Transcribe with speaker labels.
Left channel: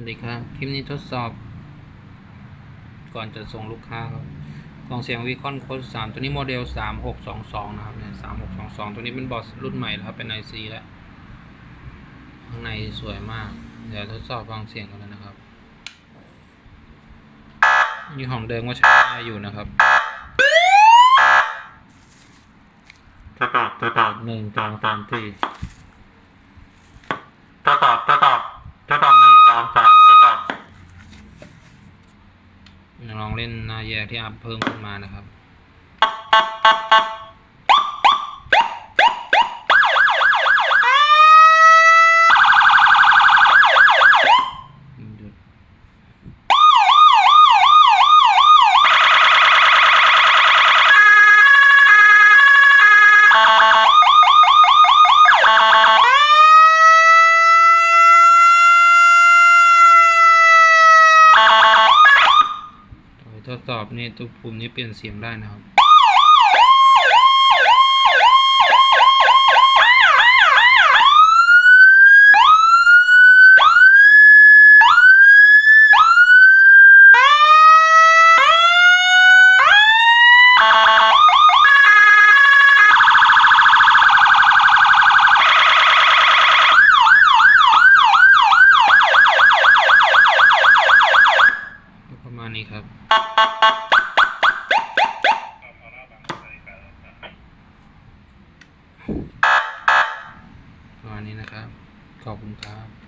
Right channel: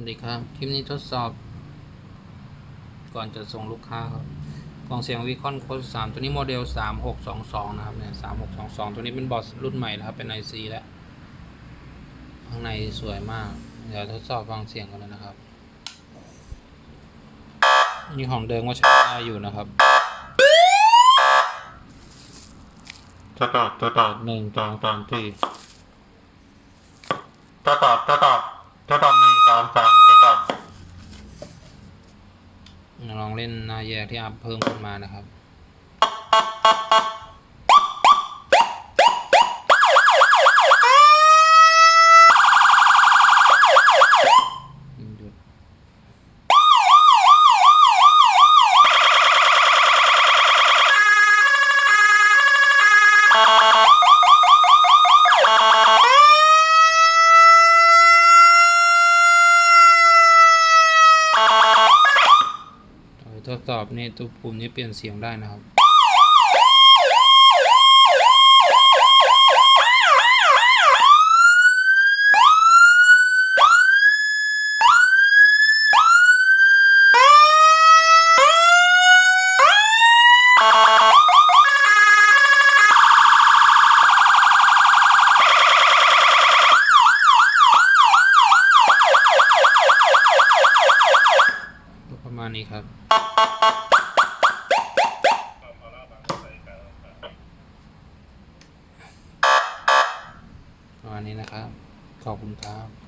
Speaker 1: วัสดีครับ คลิปนี้ทดสอบ ก่อนจะส่งลูกค้าครับ กล่องเสียงวีคอนโค้ดสามตัวนี้โมเดลสามหกสองสองนะครับเนี่ยสามหกสองสองตัวนี้เป็นบอสรุ่นใหม่แล้วครับ เป็นไอซีแล้ว ข้างในสวยมาก เดี๋ยวทดสอบฟังเสียงกันเลยนะครับ นี่ของเดิมก็ใช้ได้อยู่นะครับ
Speaker 2: จะตอบจะตอบ
Speaker 1: หนึ่งสองสามสี่
Speaker 2: จะตอบจะตอบจะตอบหนึ่ง สามสามจะตอบ
Speaker 1: ลองเล่นหน้าแยกที่อัพเพิ่มขึ้นมานะครับ ทดสอบนี่ตัวปุ่มนี้เปลี่ยนเสียงได้นะครับ ประมาณนี้ครับ ประมาณนี้นะครับ ขอบคุณครับ